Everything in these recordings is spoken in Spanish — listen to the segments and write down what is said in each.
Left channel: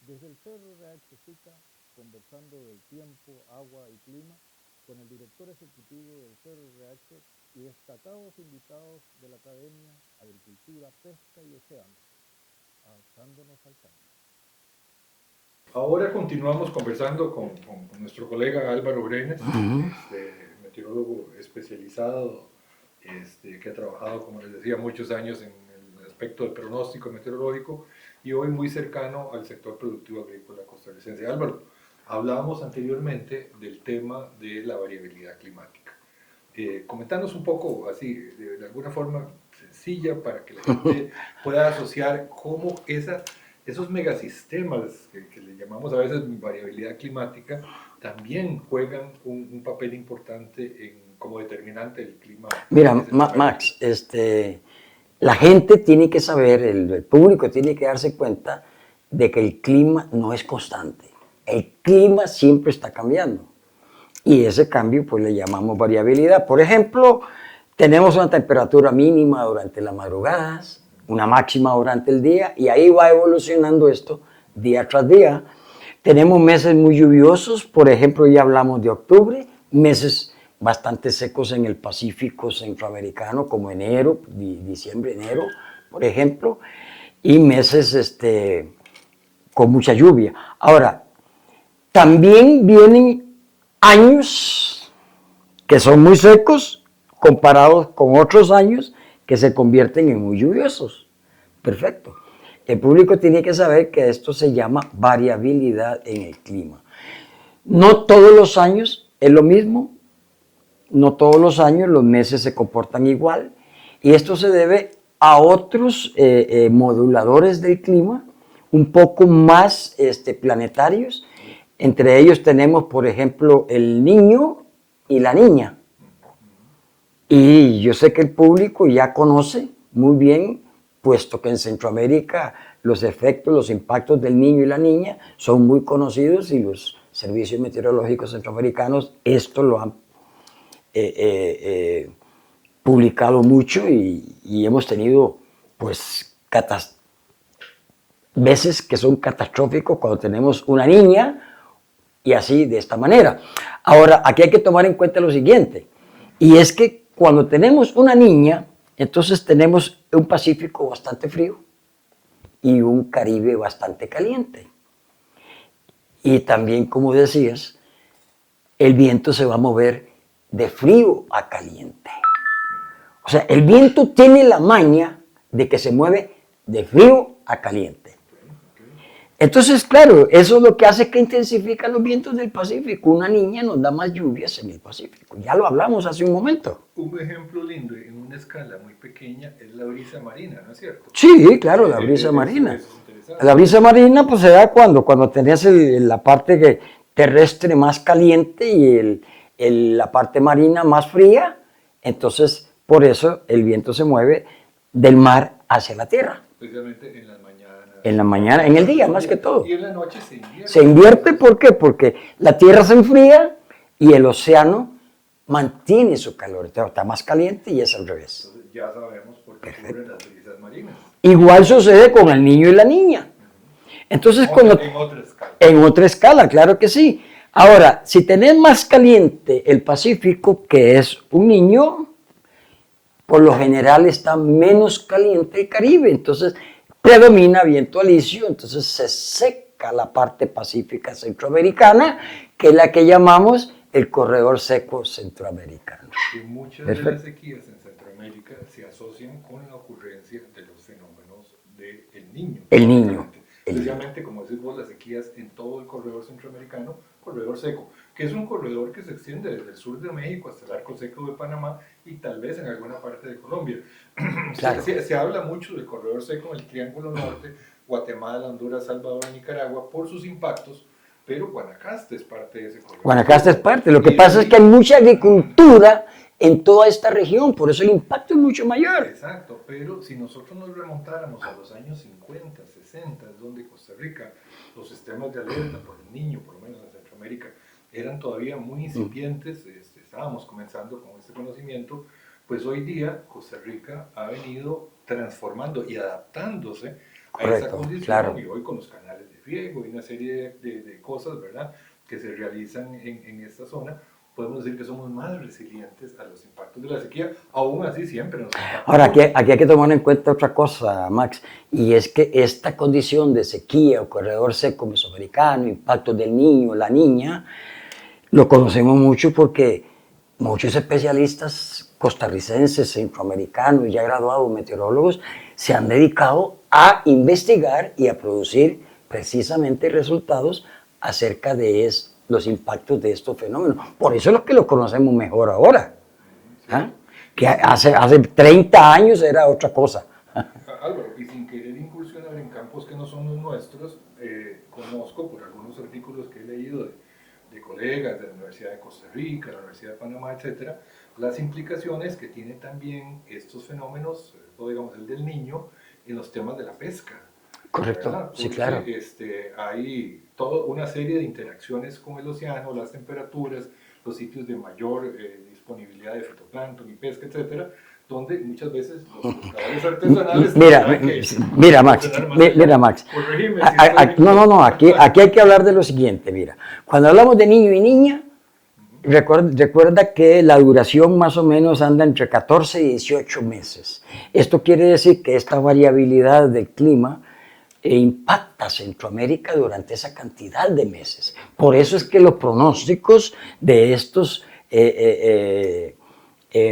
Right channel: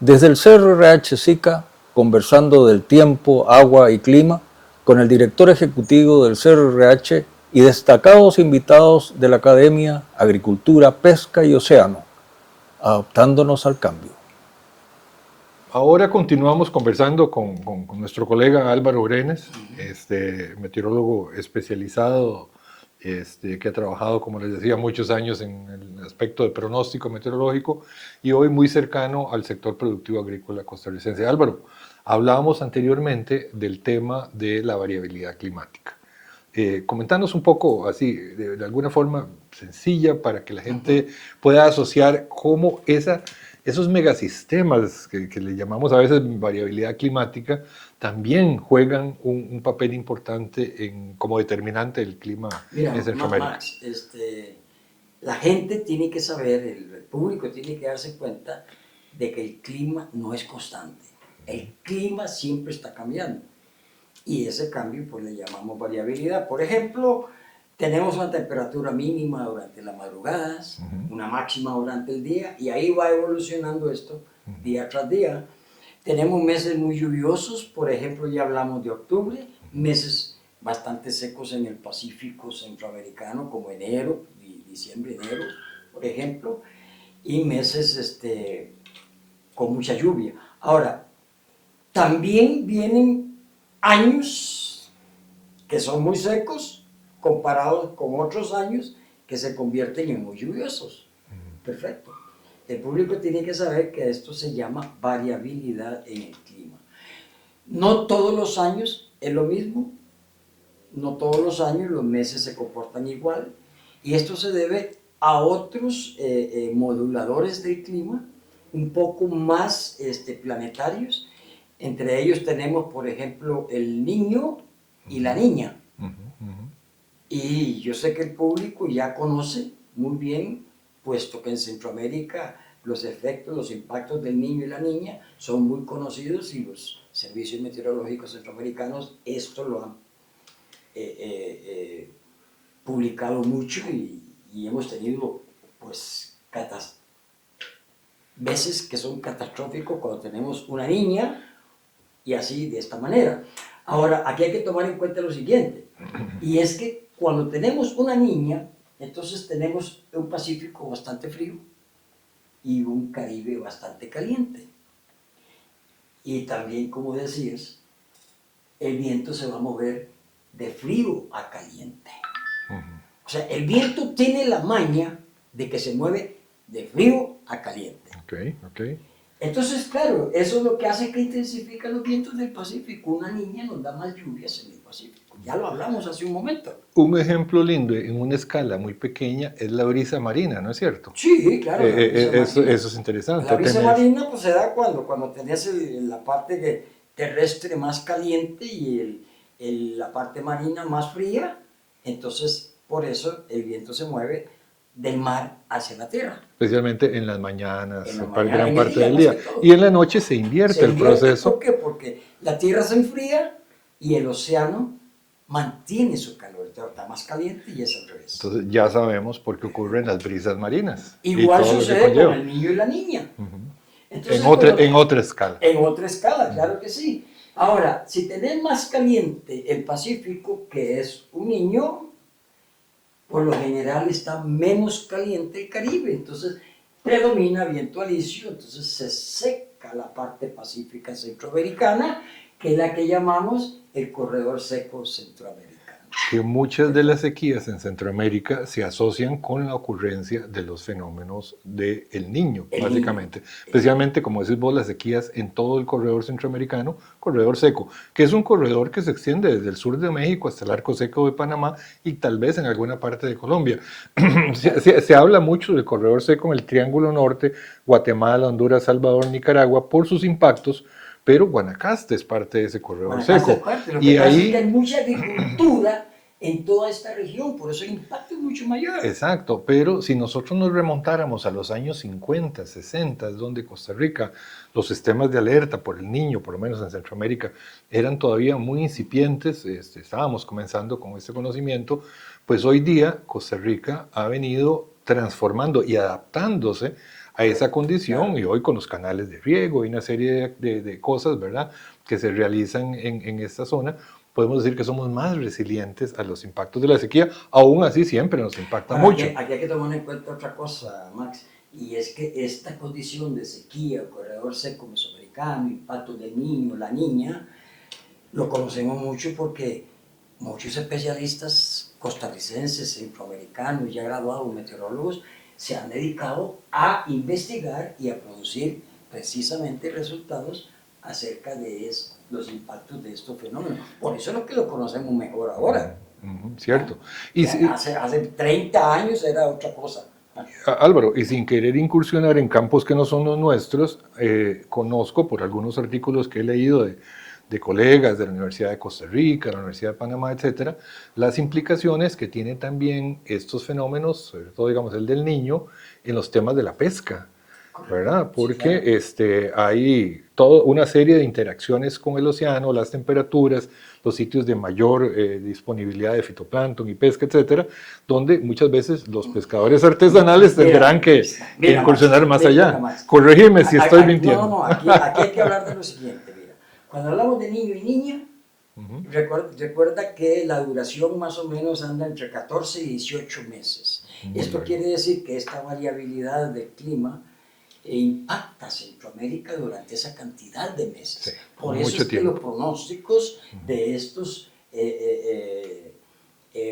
Desde el CRH SICA, conversando del tiempo, agua y clima, con el director ejecutivo del CRH y destacados invitados de la Academia, Agricultura, Pesca y Océano, adaptándonos al cambio. Ahora continuamos conversando con nuestro colega Álvaro Brenes, meteorólogo especializado, que ha trabajado, como les decía, muchos años en el aspecto de pronóstico meteorológico y hoy muy cercano al sector productivo agrícola costarricense. Álvaro, hablábamos anteriormente del tema de la variabilidad climática. Comentarnos un poco así, de alguna forma sencilla, para que la gente pueda asociar cómo esos megasistemas que le llamamos a veces variabilidad climática también juegan un papel importante como determinante del clima en Mira, Centroamérica. Max, la gente tiene que saber, el público tiene que darse cuenta de que el clima no es constante. El clima siempre está cambiando. Y ese cambio pues le llamamos variabilidad. Por ejemplo, tenemos una temperatura mínima durante las madrugadas, una máxima durante el día, y ahí va evolucionando esto día tras día. Tenemos meses muy lluviosos, por ejemplo, ya hablamos de octubre, meses bastante secos en el Pacífico centroamericano, como enero, diciembre, enero, por ejemplo, y meses con mucha lluvia. Ahora, también vienen años que son muy secos comparados con otros años que se convierten en muy lluviosos. Perfecto. El público tiene que saber que esto se llama variabilidad en el clima. No todos los años es lo mismo, no todos los años los meses se comportan igual, y esto se debe a otros moduladores del clima, un poco más planetarios. Entre ellos tenemos, por ejemplo, el niño y la niña. Y yo sé que el público ya conoce muy bien, puesto que en Centroamérica los efectos, los impactos del niño y la niña son muy conocidos y los servicios meteorológicos centroamericanos esto lo han publicado mucho y hemos tenido pues veces que son catastróficos cuando tenemos una niña y así de esta manera. Ahora, aquí hay que tomar en cuenta lo siguiente, y es que cuando tenemos una niña, entonces tenemos un Pacífico bastante frío y un Caribe bastante caliente. Y también, como decías, el viento se va a mover de frío a caliente. O sea, el viento tiene la maña de que se mueve de frío a caliente. Okay. Entonces, claro, eso es lo que hace que intensifican los vientos del Pacífico. Una niña nos da más lluvias en el Pacífico. Ya lo hablamos hace un momento. Un ejemplo lindo en una escala muy pequeña es la brisa marina, ¿no es cierto? Sí, claro, la brisa marina. Eso es interesante. La brisa marina pues se da cuando tenés la parte terrestre más caliente y la parte marina más fría. Entonces, por eso el viento se mueve del mar hacia la tierra. Especialmente en las mañanas. En la mañana, en el día, más que todo. Y en la noche se invierte. Se invierte, ¿por qué? Porque la tierra se enfría y el océano mantiene su calor. Está más caliente y es al revés. Entonces ya sabemos por qué ocurren las brisas marinas. Igual sucede con el niño y la niña. Entonces, en otra escala. En otra escala, claro que sí. Ahora, si tenés más caliente el Pacífico, que es un niño, por lo general está menos caliente el Caribe, entonces predomina viento alisio, entonces se seca la parte pacífica centroamericana, que es la que llamamos el corredor seco centroamericano. Que muchas de las sequías en Centroamérica se asocian con la ocurrencia de los fenómenos del Niño, básicamente. Especialmente, como decís vos, las sequías en todo el corredor centroamericano, corredor seco, que es un corredor que se extiende desde el sur de México hasta el arco seco de Panamá y tal vez en alguna parte de Colombia. Claro. Se habla mucho del corredor seco en el Triángulo Norte, Guatemala, Honduras, Salvador, Nicaragua, por sus impactos, pero Guanacaste es parte de ese corredor. Guanacaste es parte. Lo que pasa es que hay mucha agricultura en toda esta región, por eso el impacto es mucho mayor. Exacto, pero si nosotros nos remontáramos a los años 50, 60, donde Costa Rica, los sistemas de alerta por el Niño, por lo menos en Centroamérica, eran todavía muy incipientes, estábamos comenzando con este conocimiento, pues hoy día Costa Rica ha venido transformando y adaptándose a esa Correcto, condición, claro. y hoy con los canales de riego y una serie de cosas, ¿verdad?, que se realizan en esta zona, podemos decir que somos más resilientes a los impactos de la sequía. Aún así siempre nos impacta Ahora, mucho. aquí hay que tomar en cuenta otra cosa, Max, y es que esta condición de sequía o corredor seco mesoamericano, impacto del niño, la niña, lo conocemos mucho porque muchos especialistas costarricenses, centroamericanos, ya graduados meteorólogos, se han dedicado a investigar y a producir precisamente resultados acerca de los impactos de estos fenómenos. Por eso es lo que lo conocemos mejor ahora. Cierto. ¿Ah? Y Que hace 30 años era otra cosa. Álvaro, y sin querer incursionar en campos que no son los nuestros, conozco por algunos artículos que he leído de colegas de la Universidad de Costa Rica, la Universidad de Panamá, etcétera, las implicaciones que tienen también estos fenómenos, sobre todo digamos el del niño, en los temas de la pesca. Correcto. ¿Verdad? Sí, Porque claro. hay toda una serie de interacciones con el océano, las temperaturas, los sitios de mayor disponibilidad de fitoplancton y pesca, etcétera, donde muchas veces los pescadores artesanales tendrán que Max, funcionar más allá. Mira, Max. Corregime si estoy mintiendo. No, aquí hay que hablar de lo siguiente, mira. Cuando hablamos de niño y niña, recuerda que la duración más o menos anda entre 14 y 18 meses. Esto quiere decir que esta variabilidad del clima impacta a Centroamérica durante esa cantidad de meses. Sí, por eso es que los pronósticos de estos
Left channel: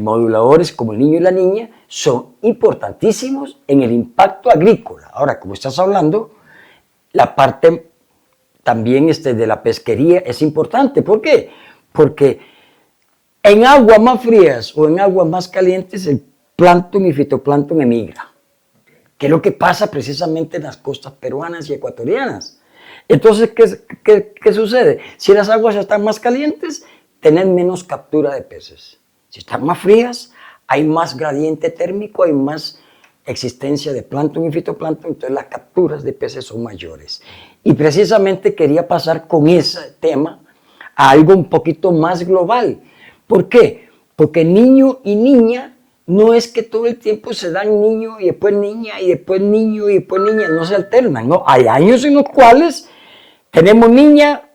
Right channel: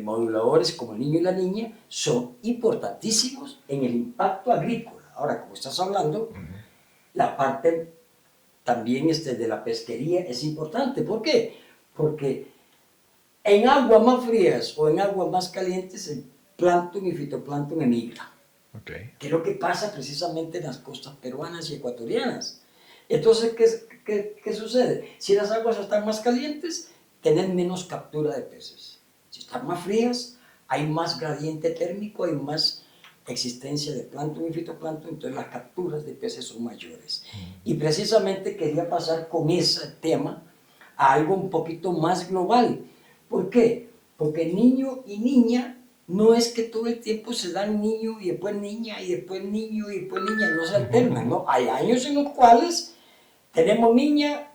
moduladores como el niño y la niña son importantísimos en el impacto agrícola. Ahora, como estás hablando, la parte también de la pesquería es importante. ¿Por qué? Porque en aguas más frías o en aguas más calientes el plancton y fitoplancton emigra. Que es lo que pasa precisamente en las costas peruanas y ecuatorianas. Entonces, ¿qué sucede? Si las aguas están más calientes, tienen menos captura de peces. Si están más frías, hay más gradiente térmico, hay más existencia de plancton y fitoplancton, entonces las capturas de peces son mayores. Y precisamente quería pasar con ese tema a algo un poquito más global. ¿Por qué? Porque niño y niña no es que todo el tiempo se dan niño y después niña y después niño y después niña, no se alternan, ¿no? Hay años en los cuales tenemos niña,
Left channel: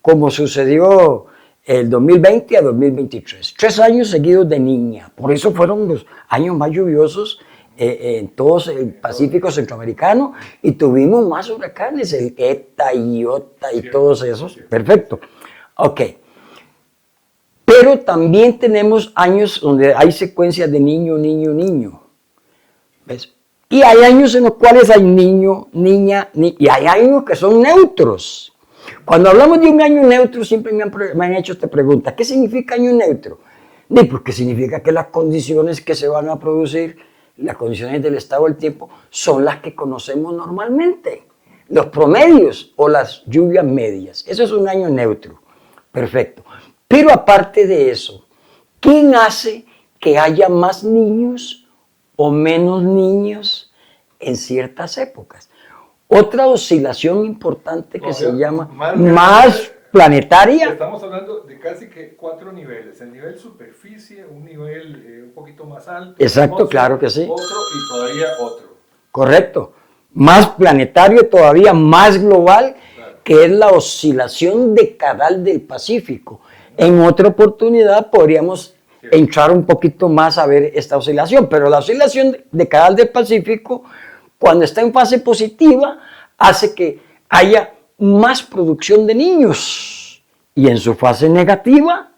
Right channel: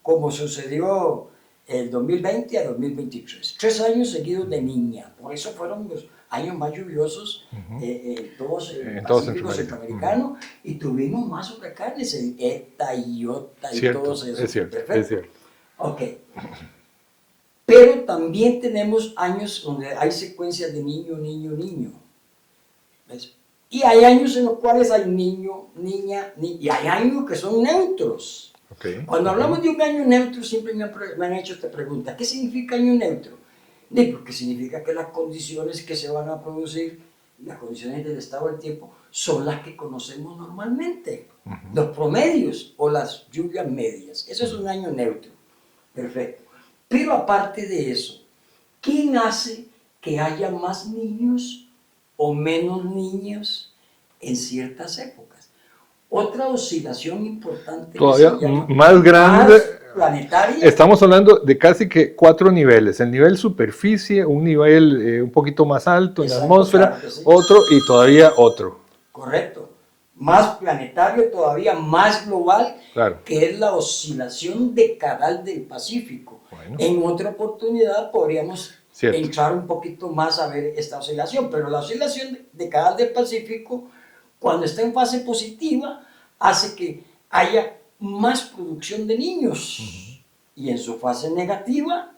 como sucedió el 2020 a 2023. 3 años seguidos de niña. Por eso fueron los años más lluviosos en todo el Pacífico centroamericano y tuvimos más huracanes, el ETA, IOTA y todos esos. Perfecto. Ok. Pero también tenemos años donde hay secuencias de niño, niño, niño. ¿Ves? Y hay años en los cuales hay niño, niña, y hay años que son neutros. Okay. Cuando hablamos de un año neutro, siempre me han hecho esta pregunta. ¿Qué significa año neutro? Pues significa que las condiciones que se van a producir, las condiciones del estado del tiempo, son las que conocemos normalmente. Los promedios o las lluvias medias. Eso es un año neutro. Perfecto. Pero aparte de eso, ¿quién hace que haya más niños o menos niños en ciertas épocas? Otra oscilación importante que se llama más planetaria. Estamos hablando de casi que 4 niveles. El nivel superficie, un nivel un poquito más alto. Exacto, claro que sí. Otro y todavía otro. Correcto. Más planetario, todavía más global, claro, que es la oscilación decadal del Pacífico. En otra oportunidad podríamos entrar un poquito más a ver esta oscilación, pero la oscilación decadal del Pacífico, cuando está en fase positiva, hace que haya más producción de niños y en su fase negativa,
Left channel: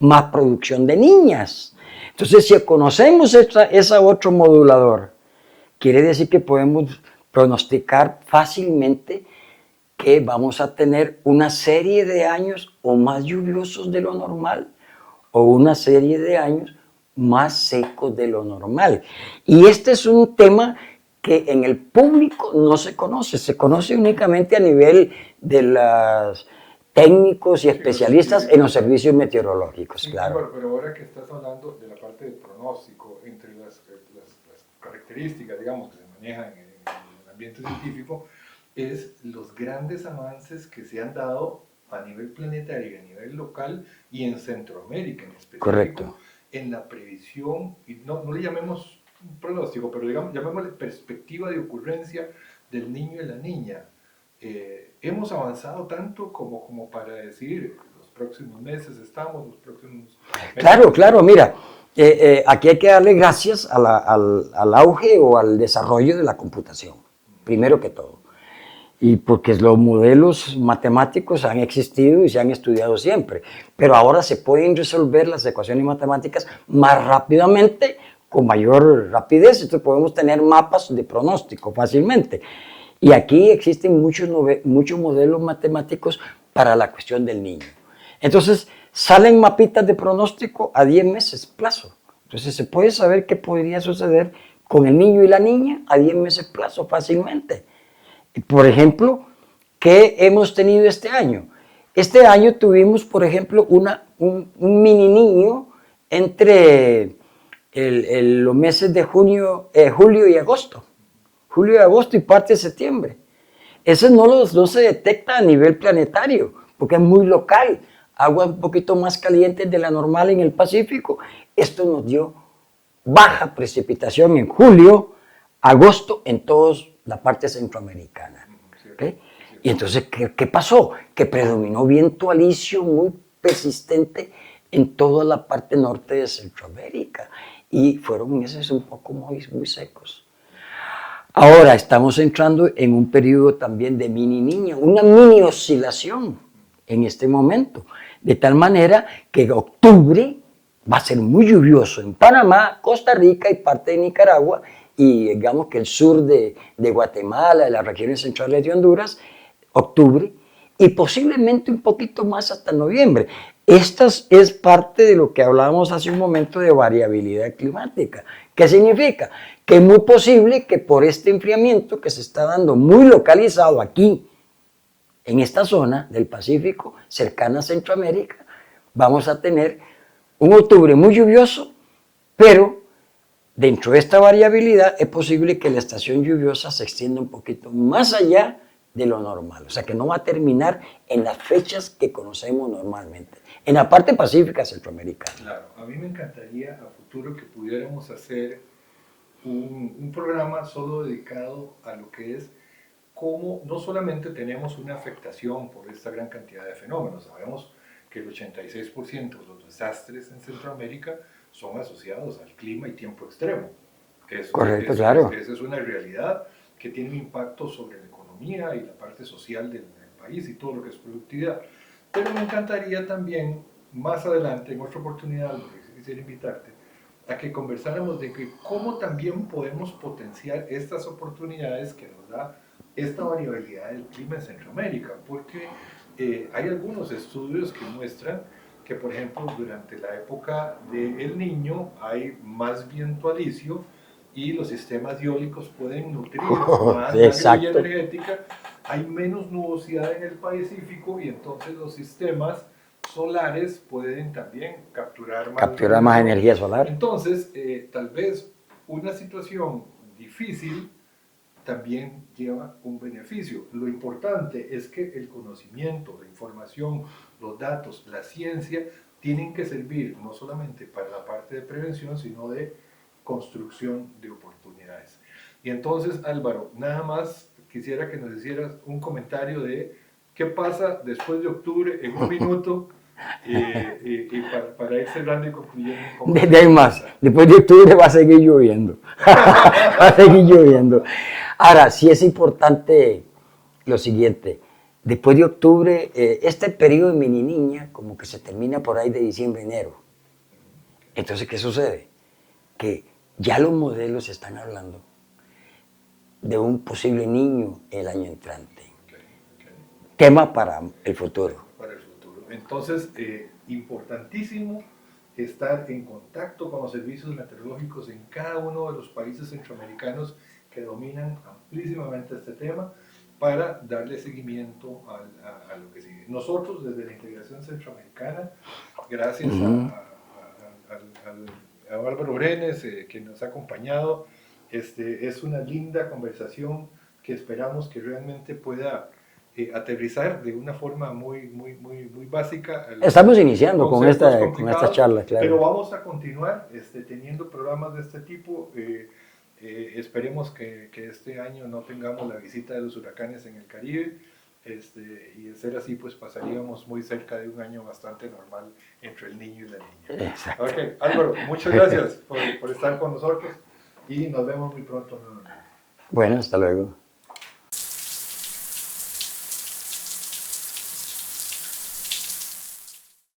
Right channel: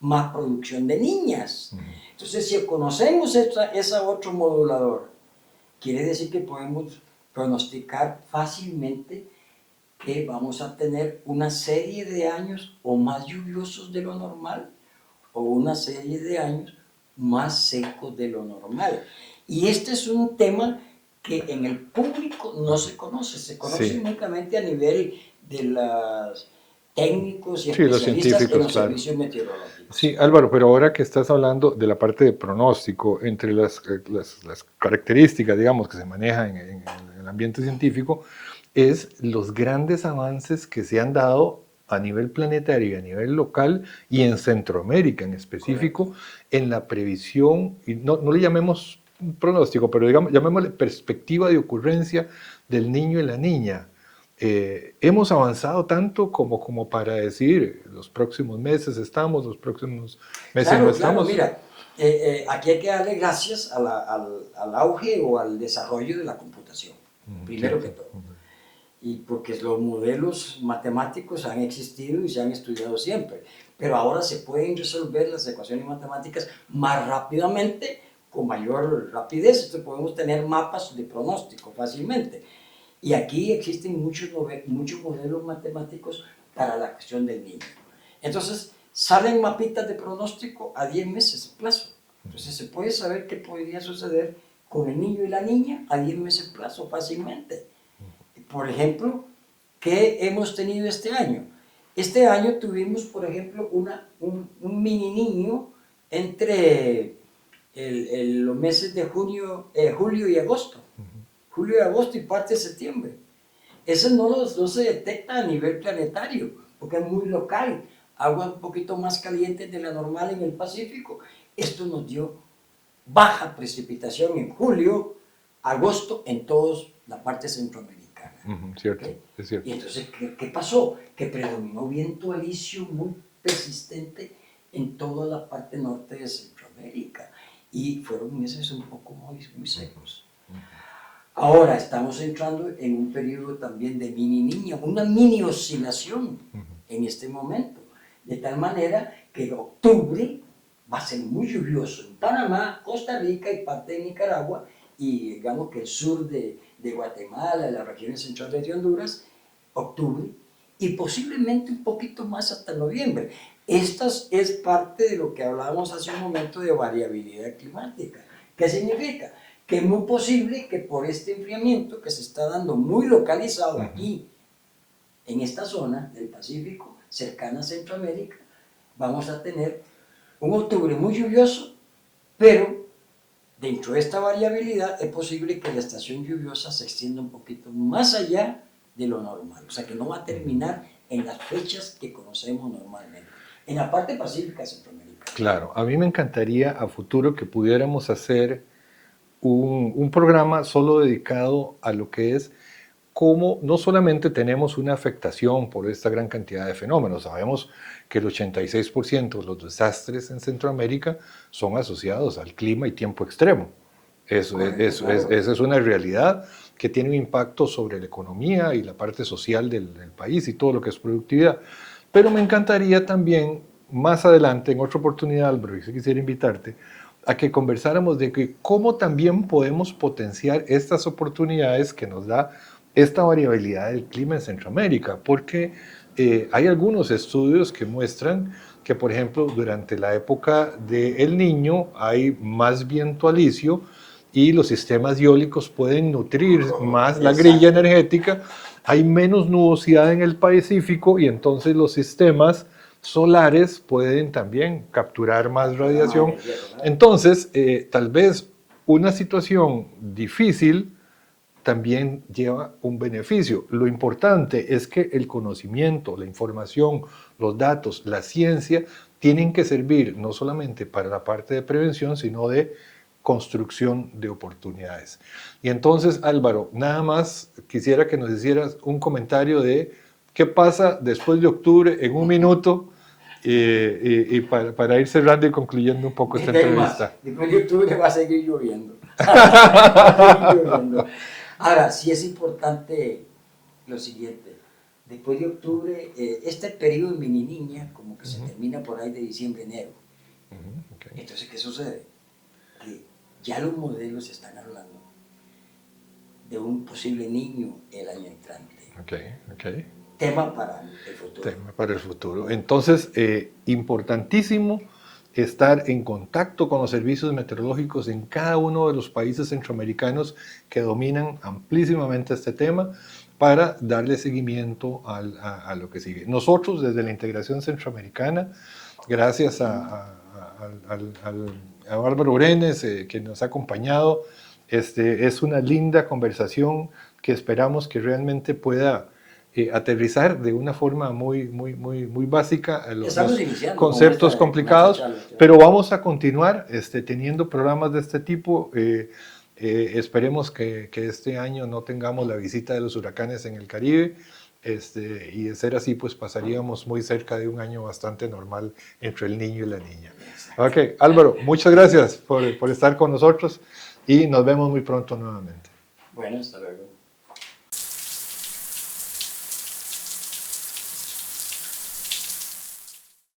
más producción de niñas. Entonces, si conocemos ese otro modulador, quiere decir que podemos pronosticar fácilmente que vamos a tener una serie de años o más lluviosos de lo normal o una serie de años más secos de lo normal. Y este es un tema que en el público no se conoce únicamente a nivel de los técnicos y especialistas en los servicios meteorológicos. Sí, claro. Álvaro, pero ahora que estás hablando de la parte de pronóstico, entre las características, digamos, que se manejan en el ambiente científico, es los grandes avances que se han dado a nivel planetario, a nivel local y en Centroamérica en específico, correcto, en la previsión, y no le llamemos un pronóstico, pero digamos, llamémosle perspectiva de ocurrencia del niño y la niña. Hemos avanzado tanto como para decir, los próximos meses estamos, los próximos meses no Claro, claro, estamos. mira, aquí hay que darle gracias al auge o al desarrollo de la computación, primero que todo. Y porque los modelos matemáticos han existido y se han estudiado siempre, pero ahora se pueden resolver las ecuaciones matemáticas más rápidamente, con mayor rapidez, entonces podemos tener mapas de pronóstico fácilmente. Y aquí existen muchos modelos matemáticos para la cuestión del niño. Entonces, salen mapitas de pronóstico a 10 meses plazo. Entonces, se puede saber qué podría suceder con el niño y la niña a 10 meses plazo fácilmente. Por ejemplo, ¿qué hemos tenido este año? Este año tuvimos, por ejemplo, un mini niño entre los meses de julio y agosto. Julio y agosto y parte de septiembre. Ese no se detecta a nivel planetario, porque es muy local. Aguas un poquito más calientes de la normal en el Pacífico. Esto nos dio baja precipitación en julio, agosto, en toda la parte centroamericana. Cierto, ¿Okay? es cierto. Y entonces, ¿qué pasó? Que predominó viento alisio muy persistente en toda la parte norte de Centroamérica. Y fueron meses un poco muy secos. Ahora estamos entrando en un periodo también de mini niño, una mini oscilación en este momento, de tal manera que octubre va a ser muy lluvioso en Panamá, Costa Rica y parte de Nicaragua, y digamos que el sur de Guatemala, de las regiones centrales de Honduras, octubre, y posiblemente un poquito más hasta noviembre. Esta es parte de lo que hablábamos hace un momento de variabilidad climática. ¿Qué significa? Que es muy posible que por este enfriamiento que se está dando muy localizado aquí, en esta zona del Pacífico, cercana a Centroamérica, vamos a tener un octubre muy lluvioso, pero dentro de esta variabilidad es posible que la estación lluviosa se extienda un poquito más allá de lo normal. O sea, que no va a terminar en las fechas que conocemos normalmente. En la parte pacífica centroamericana. Claro, a mí me encantaría a futuro que pudiéramos hacer un programa solo dedicado a lo que es cómo no solamente tenemos una afectación por esta gran cantidad de fenómenos, sabemos que el 86% de los desastres en Centroamérica son asociados al clima y tiempo extremo. Correcto, claro. Esa es una realidad que tiene un impacto sobre la economía y la parte social del país y todo lo que es productividad. Pero me encantaría también, más adelante, en otra oportunidad, Álvaro, y si quisiera invitarte, a que conversáramos de que cómo también podemos potenciar estas oportunidades que nos da esta variabilidad del clima en Centroamérica, porque hay algunos estudios que muestran que, por ejemplo, durante la época del Niño hay más viento alisio y los sistemas eólicos pueden nutrir más la grilla Exacto. energética, hay menos nubosidad en el Pacífico y entonces los sistemas solares pueden también capturar más Capturar más radiación. energía solar. Entonces, tal vez una situación difícil también lleva un beneficio. Lo importante es que el conocimiento, la información, los datos, la ciencia tienen que servir no solamente para la parte de prevención, sino de construcción de oportunidades. Y entonces, Álvaro, nada más quisiera que nos hicieras un comentario de qué pasa después de octubre en un minuto y para ir cerrando y concluyendo un poco esta Más, entrevista. después de octubre va a seguir lloviendo. Va a seguir lloviendo. Ahora, sí es importante lo siguiente. Después de octubre, este periodo de mini niña como que se termina por ahí de diciembre, enero. Okay. Entonces, ¿qué sucede? Que ya los modelos están hablando de un posible niño el año entrante. Okay. Tema para el futuro. Tema para el futuro. Entonces, importantísimo estar en contacto con los servicios meteorológicos en cada uno de los países centroamericanos que dominan amplísimamente este tema para darle seguimiento a lo que sigue. Nosotros, desde la integración centroamericana, gracias a Álvaro Orenes, que nos ha acompañado, es una linda conversación que esperamos que realmente pueda aterrizar de una forma muy básica a los Estamos iniciando conceptos con complicados, esta charla, claro. pero vamos a continuar teniendo programas de este tipo. Esperemos que este año no tengamos la visita de los huracanes en el Caribe, y de ser así, pues pasaríamos muy cerca de un año bastante normal entre el niño y la niña. Exacto. Ok, Álvaro, muchas gracias por estar con nosotros y nos vemos muy pronto nuevamente. Bueno, hasta luego.